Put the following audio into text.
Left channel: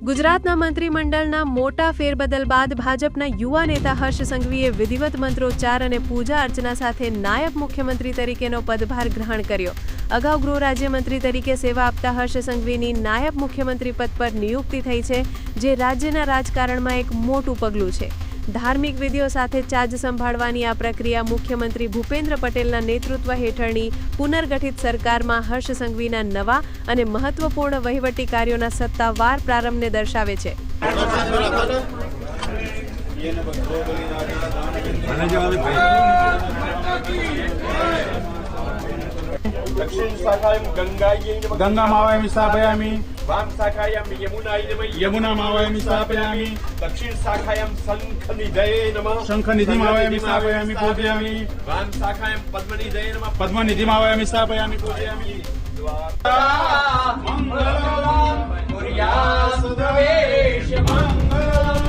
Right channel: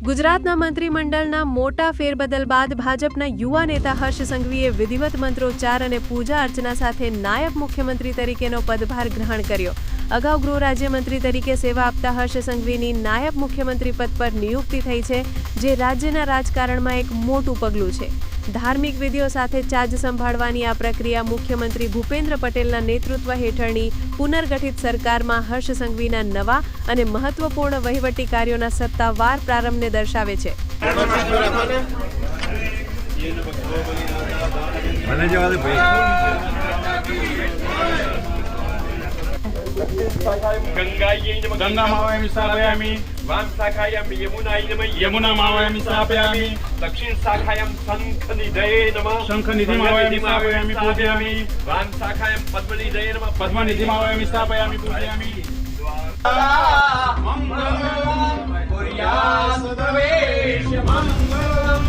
ગુજરાતના મંત્રીમંડળના મોટા ફેરબદલ બાદ ભાજપના યુવા નેતા હર્ષ સંઘવીએ વિધિવત મંત્રોચ્ચાર અને પૂજા અર્ચના સાથે નાયબ મુખ્યમંત્રી તરીકેનો પદભાર ગ્રહણ કર્યો। અગાઉ ગૃહ રાજ્યમંત્રી તરીકે સેવા આપતા હર્ષ સંઘવીની નાયબ મુખ્યમંત્રી પદ પર નિયુક્તિ થઈ છે, જે રાજ્યના રાજકારણમાં એક મોટું પગલું છે। ધાર્મિક વિધિઓ સાથે ચાર્જ સંભાળવાની આ પ્રક્રિયા મુખ્યમંત્રી ભૂપેન્દ્ર પટેલના નેતૃત્વ હેઠળની પુનર્ગઠિત સરકારમાં હર્ષ સંઘવીના નવા અને મહત્વપૂર્ણ વહીવટી કાર્યોના સત્તાવાર પ્રારંભને દર્શાવે છે। गंगा मावयामि स्थापयामि। वाम शाखायां यमुनाय नमः। यमुना मावयामि स्थापयामि। दक्षिण शाखायां शंखनिधये नमः। शंखनिधि मावयामि स्थापयामि पूजयामि। वाम शाखायां पद्मनिधये नमः। पद्मनिधि मावयामि स्थापयामि पूजयामि। मंगलम कुर्यात् प्रवेश मंगलम